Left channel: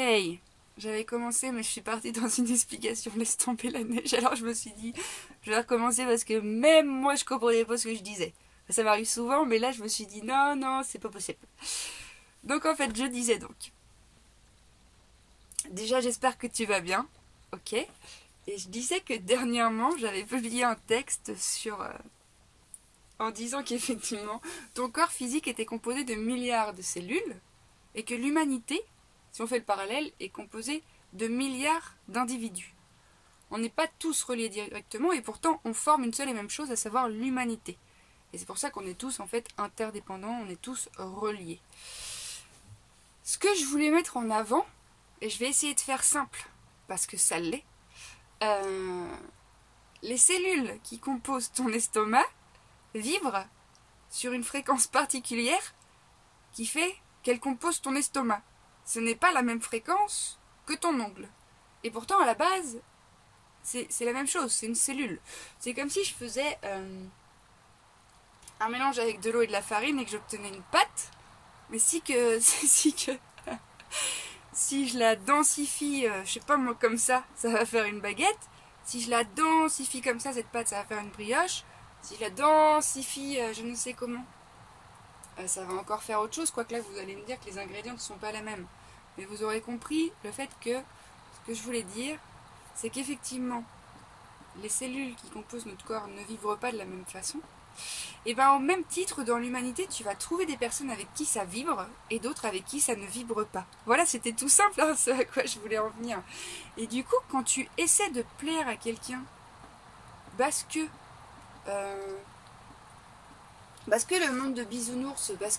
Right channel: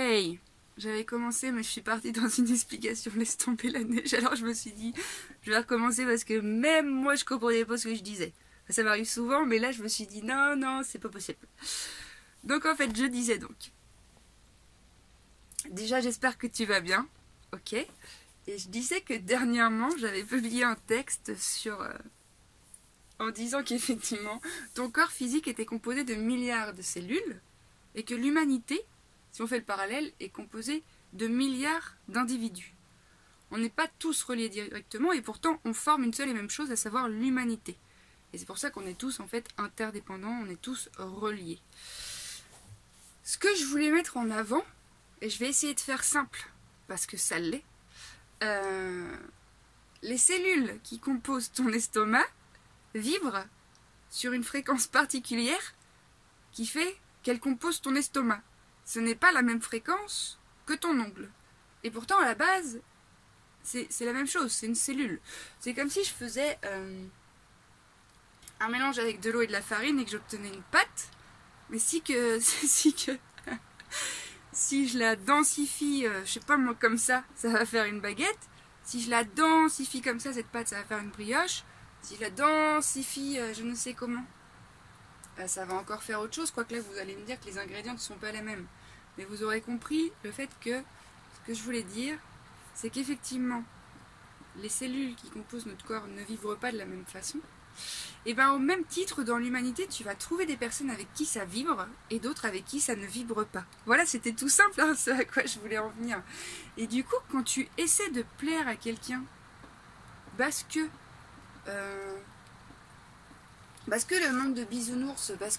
Hey, j'avais commencé mais je suis partie dans une explication laisse tomber la neige, alors je me suis dit je vais recommencer parce que même moi je comprenais pas ce que je disais. Ça m'arrive souvent mais là je me suis dit non c'est pas possible. Donc en fait je disais donc. Déjà j'espère que tu vas bien, ok. Et je disais que dernièrement j'avais publié un texte en disant qu'effectivement ton corps physique était composé de milliards de cellules et que l'humanité, si on fait le parallèle, est composée de milliards d'individus. On n'est pas tous reliés directement et pourtant on forme une seule et même chose, à savoir l'humanité. Et c'est pour ça qu'on est tous en fait interdépendants, on est tous reliés. Ce que je voulais mettre en avant, et je vais essayer de faire simple parce que ça l'est, les cellules qui composent ton estomac vibrent sur une fréquence particulière qui fait qu'elles composent ton estomac. Ce n'est pas la même fréquence que ton ongle. Et pourtant, à la base, c'est la même chose, c'est une cellule. C'est comme si je faisais un mélange avec de l'eau et de la farine et que j'obtenais une pâte. Mais si je la densifie, je sais pas moi, comme ça va faire une baguette. Si je la densifie comme ça, cette pâte, ça va faire une brioche. Si je la densifie, je ne sais comment, ça va encore faire autre chose. Quoique là, vous allez me dire que les ingrédients ne sont pas les mêmes. Mais vous aurez compris le fait que ce que je voulais dire, c'est qu'effectivement, les cellules qui composent notre corps ne vibrent pas de la même façon. Et bien au même titre, dans l'humanité, tu vas trouver des personnes avec qui ça vibre et d'autres avec qui ça ne vibre pas. Voilà, c'était tout simple, hein, ce à quoi je voulais en venir. Et du coup, quand tu essaies de plaire à quelqu'un, parce que le monde de bisounours, parce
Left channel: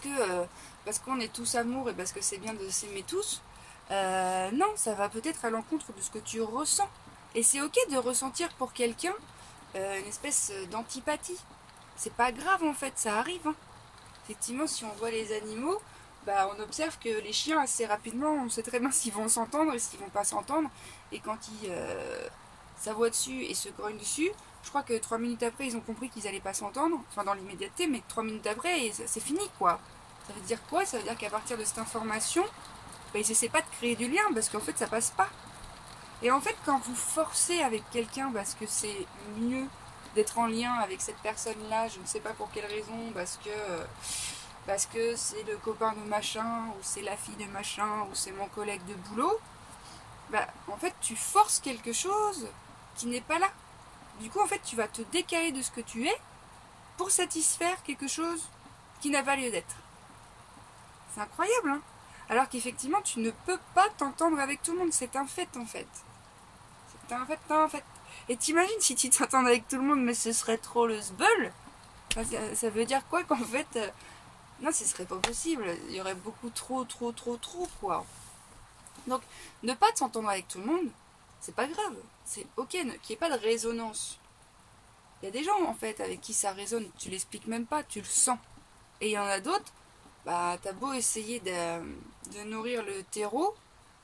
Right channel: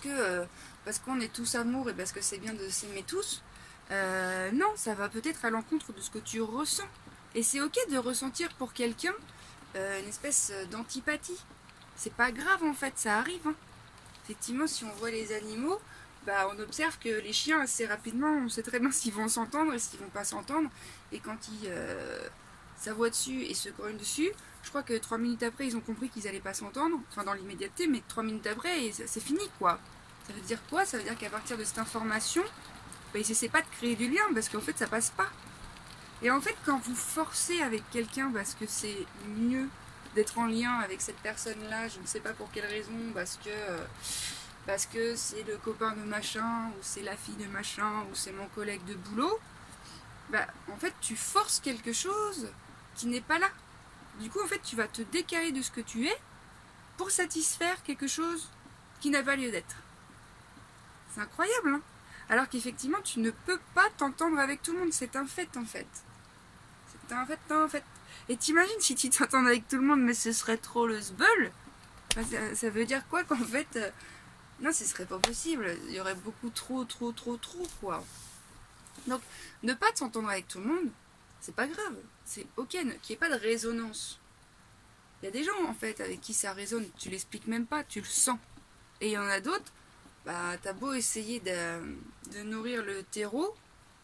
qu'on est tous amour et parce que c'est bien de s'aimer tous, non, ça va peut-être à l'encontre de ce que tu ressens. Et c'est ok de ressentir pour quelqu'un une espèce d'antipathie. C'est pas grave en fait, ça arrive. Hein. Effectivement, si on voit les animaux, on observe que les chiens assez rapidement, on sait très bien s'ils vont s'entendre et s'ils vont pas s'entendre. Et quand ils s'avoient dessus et se grognent dessus, je crois que 3 minutes après, ils ont compris qu'ils allaient pas s'entendre. Enfin, dans l'immédiateté, mais 3 minutes après, c'est fini quoi. Ça veut dire quoi? Ça veut dire qu'à partir de cette information, ils essaient pas de créer du lien parce qu'en fait, ça passe pas. Et en fait, quand vous forcez avec quelqu'un parce que c'est mieux d'être en lien avec cette personne-là, je ne sais pas pour quelle raison, parce que c'est le copain de machin, ou c'est la fille de machin, ou c'est mon collègue de boulot, en fait, tu forces quelque chose qui n'est pas là. Du coup, en fait, tu vas te décaler de ce que tu es pour satisfaire quelque chose qui n'a pas lieu d'être. C'est incroyable, hein? Alors qu'effectivement, tu ne peux pas t'entendre avec tout le monde. C'est un fait, en fait. C'est un fait. Et t'imagines si tu t'entends avec tout le monde, mais ce serait trop le sbeul. Ça veut dire quoi qu'en fait... non, ce serait pas possible. Il y aurait beaucoup trop, quoi. Donc, ne pas s'entendre avec tout le monde, c'est pas grave. C'est ok, qu'il n'y ait pas de résonance. Il y a des gens, en fait, avec qui ça résonne. Tu l'expliques même pas, tu le sens. Et il y en a d'autres, t'as beau essayer de nourrir le terreau,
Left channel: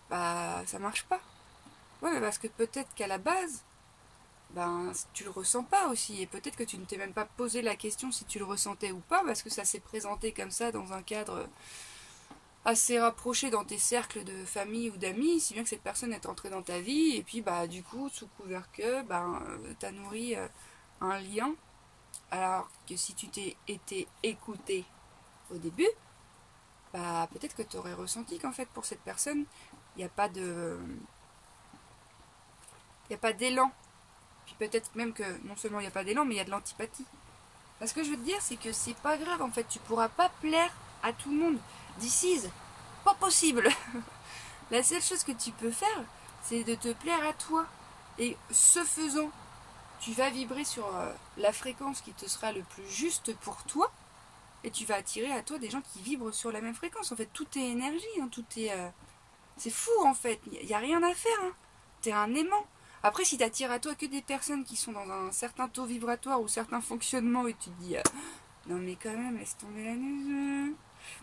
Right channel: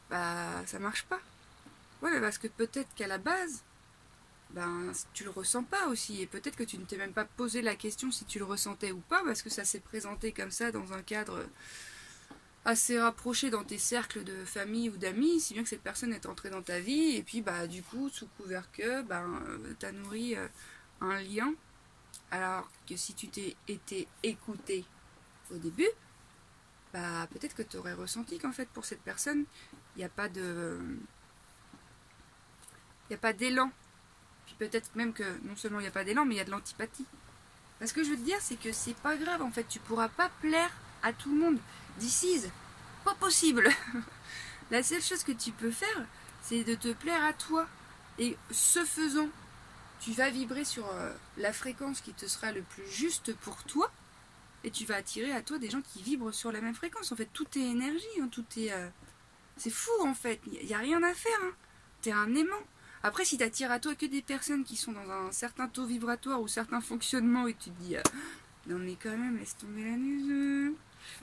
ça marche pas. Ouais, mais parce que peut-être qu'à la base, tu le ressens pas aussi. Et peut-être que tu ne t'es même pas posé la question si tu le ressentais ou pas, parce que ça s'est présenté comme ça dans un cadre assez rapproché dans tes cercles de famille ou d'amis, si bien que cette personne est entrée dans ta vie, et puis du coup, sous couvert que, t'as nourri un lien, alors que si tu t'es été écouté au début, peut-être que tu aurais ressenti qu'en fait pour cette personne, il n'y a pas d'élan. Puis peut-être même que non seulement il n'y a pas d'élan, mais il y a de l'antipathie. Ce que je veux te dire, c'est que c'est pas grave en fait, tu pourras pas plaire à tout le monde. D'ici, pas possible. La seule chose que tu peux faire, c'est de te plaire à toi. Et ce faisant, tu vas vibrer sur la fréquence qui te sera le plus juste pour toi. Et tu vas attirer à toi des gens qui vibrent sur la même fréquence. En fait, tout est énergie. Hein, tout est... c'est fou, en fait. Il n'y a rien à faire. Hein. T'es un aimant. Après, si tu attires à toi que des personnes qui sont dans un certain taux vibratoire ou certains fonctionnements et tu te dis non mais quand même, laisse tomber la neige.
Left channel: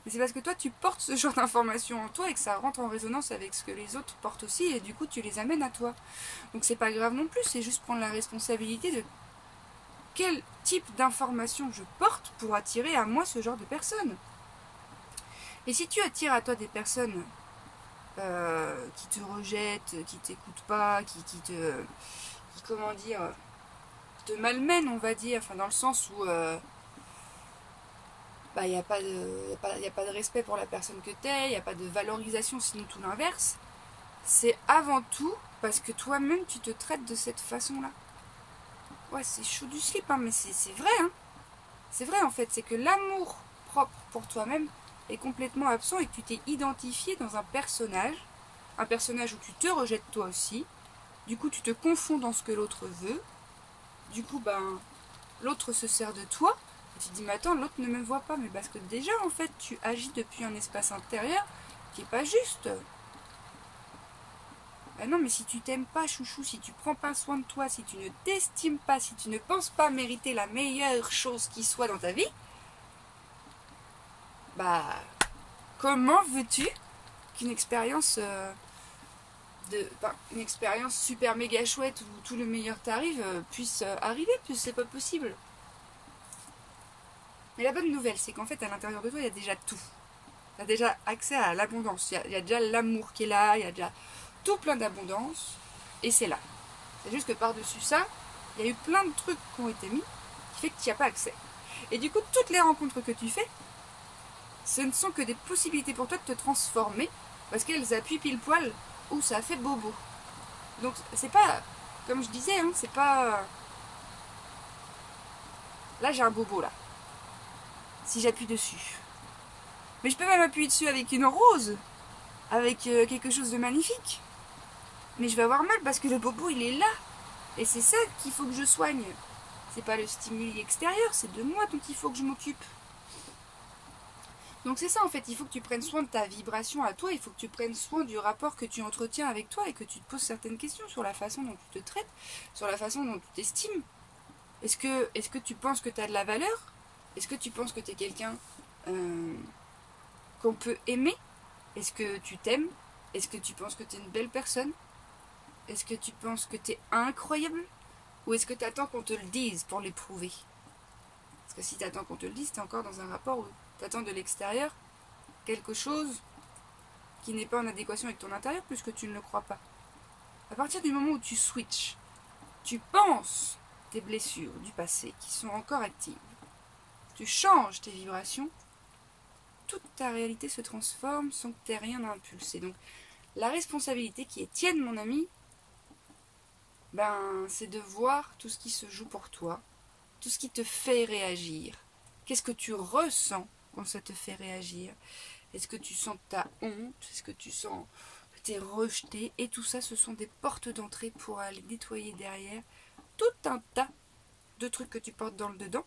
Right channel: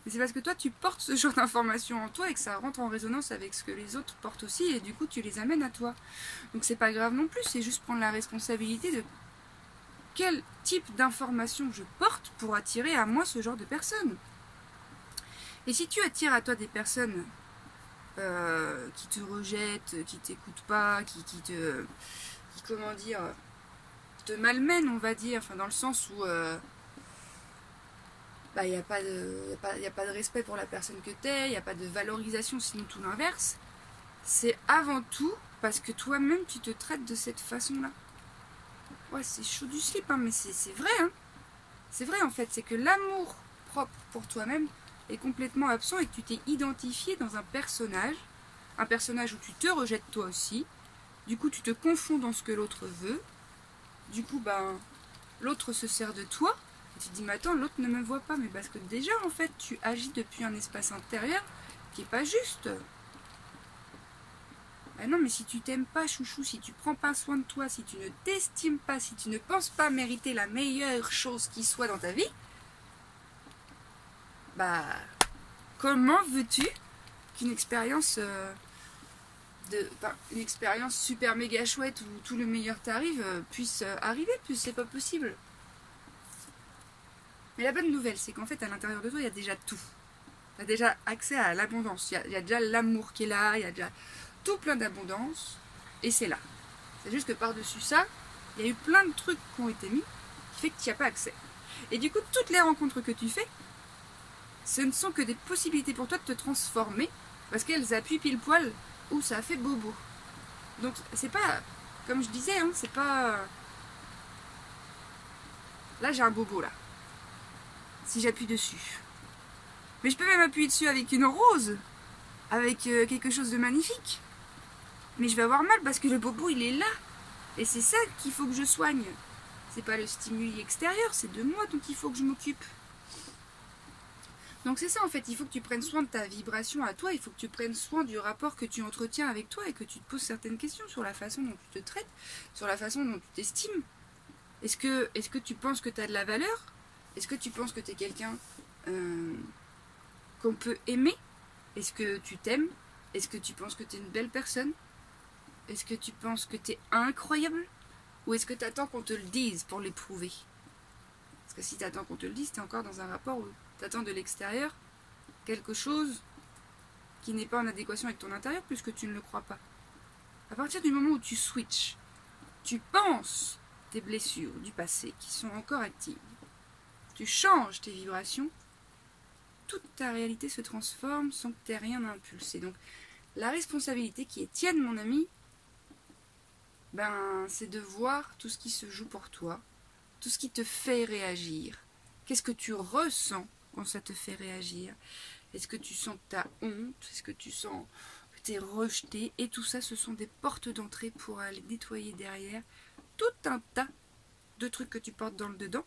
Mais c'est parce que toi, tu portes ce genre d'informations en toi et que ça rentre en résonance avec ce que les autres portent aussi et du coup, tu les amènes à toi. Donc c'est pas grave non plus, c'est juste prendre la responsabilité de quel type d'information je porte pour attirer à moi ce genre de personnes. Et si tu attires à toi des personnes qui te rejette, qui t'écoute pas, comment dire, te malmène, on va dire, enfin dans le sens où il n'y a pas de respect pour la personne que t'es, il n'y a pas de valorisation, sinon tout l'inverse. C'est avant tout parce que toi-même tu te traites de cette façon-là. Ouais, c'est chaud du slip, hein, mais c'est vrai, hein. C'est vrai en fait, c'est que l'amour propre pour toi-même est complètement absent et que tu t'es identifié dans un personnage où tu te rejettes toi aussi. Du coup, tu te confonds dans ce que l'autre veut. Du coup, l'autre se sert de toi. Et tu te dis, mais attends, l'autre ne me voit pas. Mais parce que déjà, en fait, tu agis depuis un espace intérieur qui n'est pas juste. Ah non, mais si tu t'aimes pas, chouchou, si tu prends pas soin de toi, si tu ne t'estimes pas, si tu ne penses pas mériter la meilleure chose qui soit dans ta vie, comment veux-tu qu'une expérience une expérience super méga chouette où tout le meilleur t'arrive puisse arriver, puisque c'est pas possible. Mais la bonne nouvelle, c'est qu'en fait, à l'intérieur de toi, il y a déjà tout. Tu as déjà accès à l'abondance. Il y a déjà l'amour qui est là, il y a déjà tout plein d'abondance, et c'est là. C'est juste que par-dessus ça, il y a eu plein de trucs qui ont été mis, qui fait que tu n'y as pas accès. Et du coup, toutes les rencontres que tu fais, ce ne sont que des possibilités pour toi de te transformer, parce qu'elles appuient pile poil où ça a fait bobo. Donc c'est pas, comme je disais, hein, c'est pas... Là j'ai un bobo là, si j'appuie dessus. Mais je peux même appuyer dessus avec une rose, avec quelque chose de magnifique. Mais je vais avoir mal parce que le bobo il est là. Et c'est ça qu'il faut que je soigne. C'est pas le stimuli extérieur, c'est de moi dont il faut que je m'occupe. Donc c'est ça en fait, il faut que tu prennes soin de ta vibration à toi, il faut que tu prennes soin du rapport que tu entretiens avec toi et que tu te poses certaines questions sur la façon dont tu te traites, sur la façon dont tu t'estimes. Est-ce que tu penses que tu as de la valeur? Est-ce que tu penses que tu es quelqu'un qu'on peut aimer? Est-ce que tu t'aimes? Est-ce que tu penses que tu es une belle personne? Est-ce que tu penses que tu es incroyable? Ou est-ce que tu attends qu'on te le dise pour l'éprouver? Parce que si tu attends qu'on te le dise, tu es encore dans un rapport où tu attends de l'extérieur quelque chose qui n'est pas en adéquation avec ton intérieur puisque tu ne le crois pas. À partir du moment où tu switches, tu penses tes blessures du passé qui sont encore actives, tu changes tes vibrations, toute ta réalité se transforme sans que tu aies rien à impulser. Donc la responsabilité qui est tienne, mon ami, c'est de voir tout ce qui se joue pour toi, tout ce qui te fait réagir. Qu'est-ce que tu ressens quand ça te fait réagir? Est-ce que tu sens que tu as honte? Est-ce que tu sens que tu es rejeté? Et tout ça, ce sont des portes d'entrée pour aller nettoyer derrière tout un tas de trucs que tu portes dans le dedans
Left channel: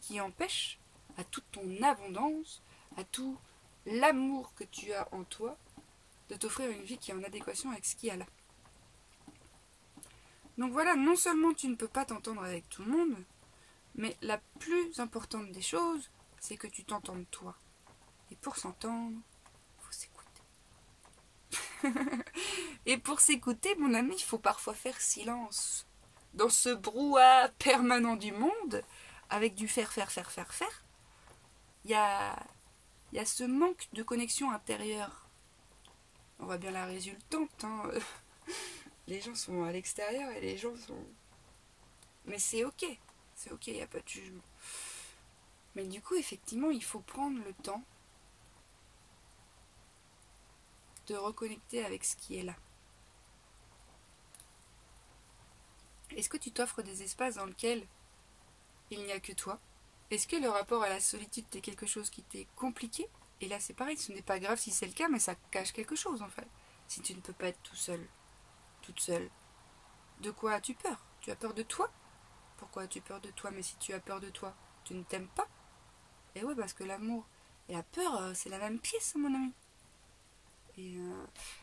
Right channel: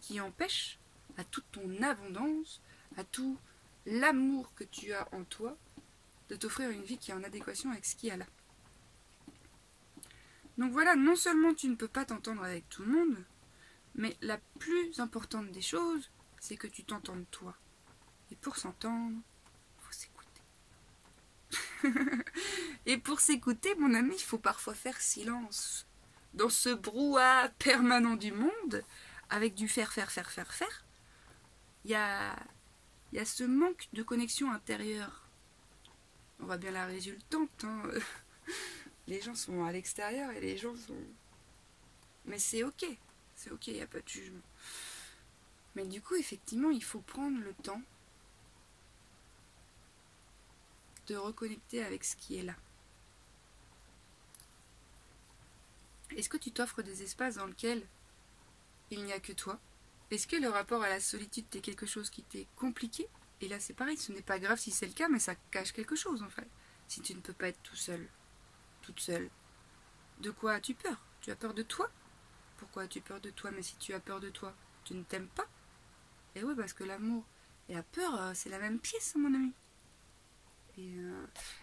qui empêchent à toute ton abondance, à tout l'amour que tu as en toi, de t'offrir une vie qui est en adéquation avec ce qu'il y a là. Donc voilà, non seulement tu ne peux pas t'entendre avec tout le monde, mais la plus importante des choses, c'est que tu t'entendes toi. Et pour s'entendre, il faut s'écouter. Et pour s'écouter, mon ami, il faut parfois faire silence. Dans ce brouhaha permanent du monde, avec du faire, il y a ce manque de connexion intérieure. On voit bien la résultante, hein. Les gens sont à l'extérieur et les gens sont... Mais c'est ok, il n'y a pas de jugement. Mais du coup, effectivement, il faut prendre le temps de reconnecter avec ce qui est là. Est-ce que tu t'offres des espaces dans lesquels il n'y a que toi? Est-ce que le rapport à la solitude est quelque chose qui t'est compliqué? Et là, c'est pareil, ce n'est pas grave si c'est le cas, mais ça cache quelque chose, en fait. Si tu ne peux pas être tout seul, toute seule, de quoi as-tu peur? Tu as peur de toi? Pourquoi as-tu peur de toi? Mais si tu as peur de toi, tu ne t'aimes pas? Et oui, parce que l'amour et la peur, c'est la même pièce, mon ami.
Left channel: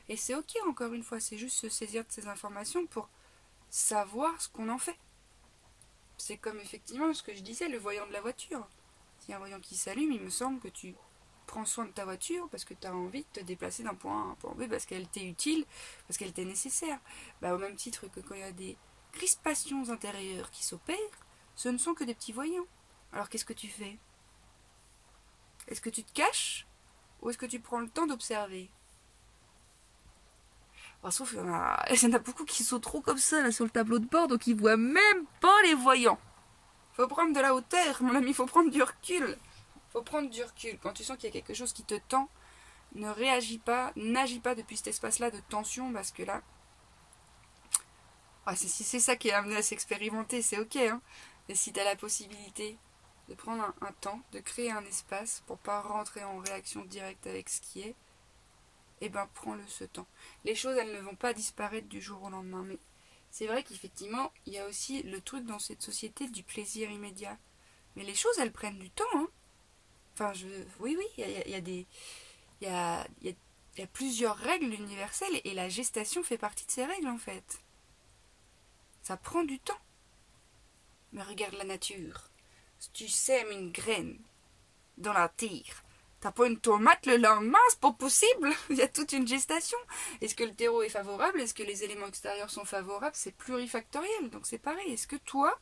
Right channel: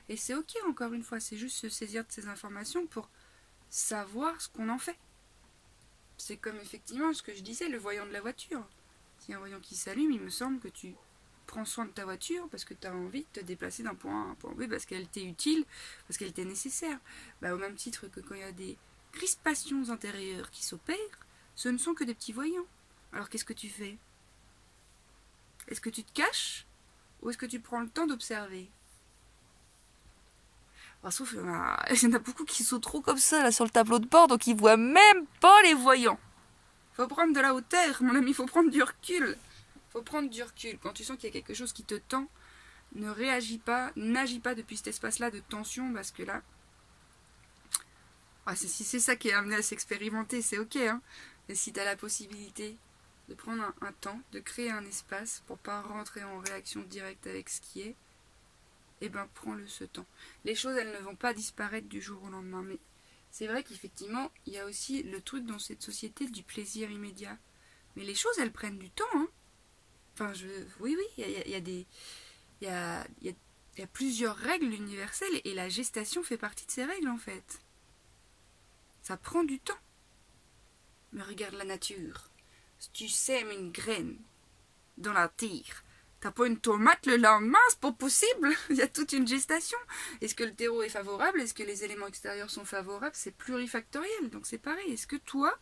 Et c'est ok, encore une fois, c'est juste se saisir de ces informations pour savoir ce qu'on en fait. C'est comme effectivement ce que je disais, le voyant de la voiture. S'il y a un voyant qui s'allume, il me semble que tu prends soin de ta voiture parce que tu as envie de te déplacer d'un point A à un point B parce qu'elle t'est utile, parce qu'elle t'est nécessaire. Au même titre que quand il y a des crispations intérieures qui s'opèrent, ce ne sont que des petits voyants. Alors qu'est-ce que tu fais? Est-ce que tu te caches ou est-ce que tu prends le temps d'observer? Sauf qu'il y en a beaucoup qui sont trop comme ça là sur le tableau de bord, donc ils voient même pas les voyants. Faut prendre de la hauteur, mon ami, faut prendre du recul. Faut prendre du recul. Quand tu sens qu'il y a quelque chose qui te tend, ne réagis pas, n'agis pas depuis cet espace-là de tension, parce que là, si c'est ça qui est amené à s'expérimenter, c'est ok, hein. Et si tu as la possibilité de prendre un temps, de créer un espace pour pas rentrer en réaction directe avec ce qui est, eh ben prends-le ce temps. Les choses, elles ne vont pas disparaître du jour au lendemain, mais c'est vrai qu'effectivement, il y a aussi le truc dans cette société du plaisir immédiat. Mais les choses, elles prennent du temps, hein. Enfin, oui, il y a plusieurs règles universelles et la gestation fait partie de ces règles, en fait. Ça prend du temps. Mais regarde la nature. Si tu sèmes une graine dans la terre, t'as pas une tomate le lendemain, c'est pas possible. Il y a toute une gestation. Est-ce que le terreau est favorable? Est-ce que les éléments extérieurs sont favorables? C'est plurifactoriel, donc c'est pareil. Est-ce que toi,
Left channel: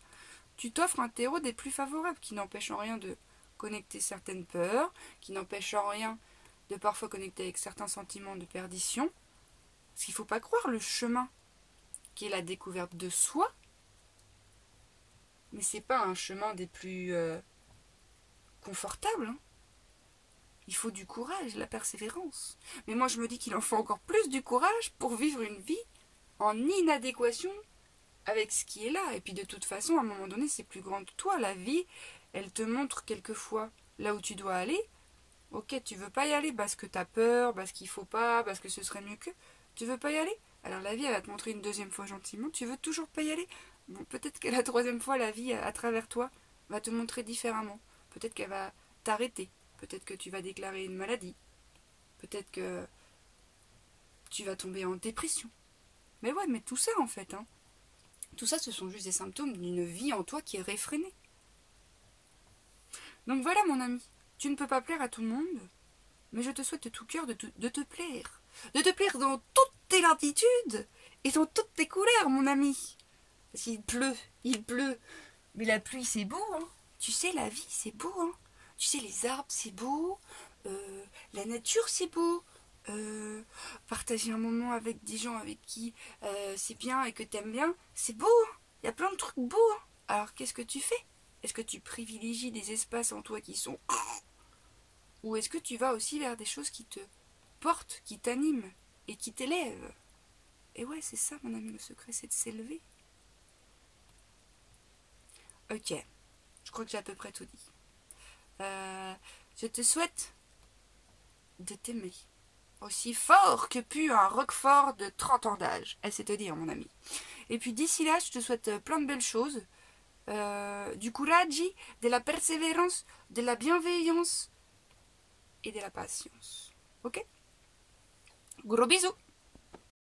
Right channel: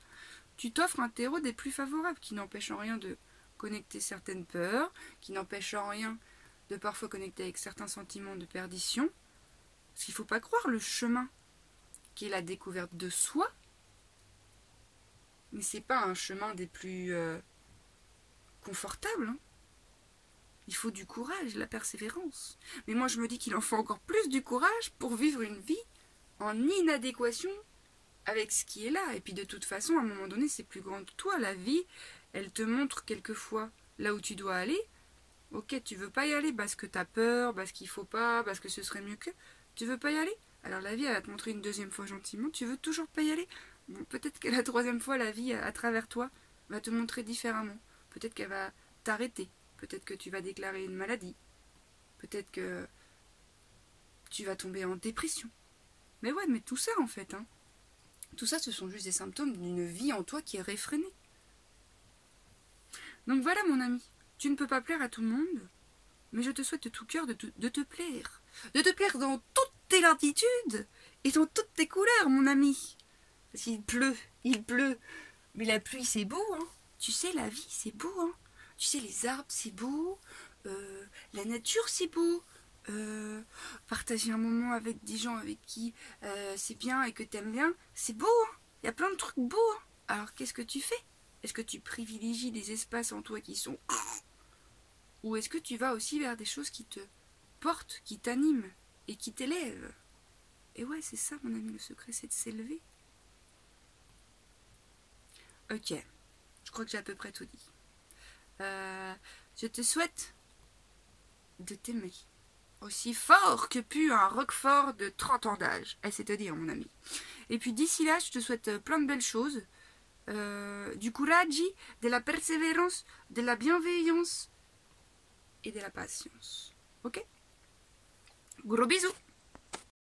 tu t'offres un terreau des plus favorables, qui n'empêche en rien de connecter certaines peurs, qui n'empêche en rien de parfois connecter avec certains sentiments de perdition? Parce qu'il ne faut pas croire le chemin qui est la découverte de soi, mais c'est pas un chemin des plus confortables, hein. Il faut du courage, la persévérance. Mais moi, je me dis qu'il en faut encore plus du courage pour vivre une vie en inadéquation avec ce qui est là. Et puis, de toute façon, à un moment donné, c'est plus grand que toi. La vie, elle te montre quelquefois là où tu dois aller. Ok, tu veux pas y aller parce que t'as peur, parce qu'il faut pas, parce que ce serait mieux que... Tu veux pas y aller? Alors la vie, elle va te montrer une deuxième fois gentiment. Tu veux toujours pas y aller? Bon, peut-être que la troisième fois, la vie, à travers toi, va te montrer différemment. Peut-être qu'elle va t'arrêter. Peut-être que tu vas déclarer une maladie. Peut-être que tu vas tomber en dépression. Mais ouais, mais tout ça, en fait, hein. Tout ça, ce sont juste des symptômes d'une vie en toi qui est réfrénée. Donc voilà, mon ami. Tu ne peux pas plaire à tout le monde, mais je te souhaite de tout cœur de te plaire. De te plaire dans toutes tes latitudes et dans toutes tes couleurs, mon ami. Parce qu'il pleut. Mais la pluie, c'est beau, hein. Tu sais, la vie, c'est beau, hein. Tu sais, les arbres, c'est beau. La nature, c'est beau. Partager un moment avec des gens avec qui c'est bien et que t'aimes bien, c'est beau, hein. Il y a plein de trucs beaux, hein. Alors, qu'est-ce que tu fais? Est-ce que tu privilégies des espaces en toi qui sont... Ou est-ce que tu vas aussi vers des choses qui te portent, qui t'animent et qui t'élèvent? Et ouais, c'est ça, mon ami, le secret, c'est de s'élever. Ok, je crois que j'ai à peu près tout dit. Je te souhaite de t'aimer aussi fort que pu un roquefort de 30 ans d'âge. C'est te dire, mon ami. Et puis d'ici là, je te souhaite plein de belles choses. Du courage, de la persévérance, de la bienveillance et de la patience. Ok? Gros bisous!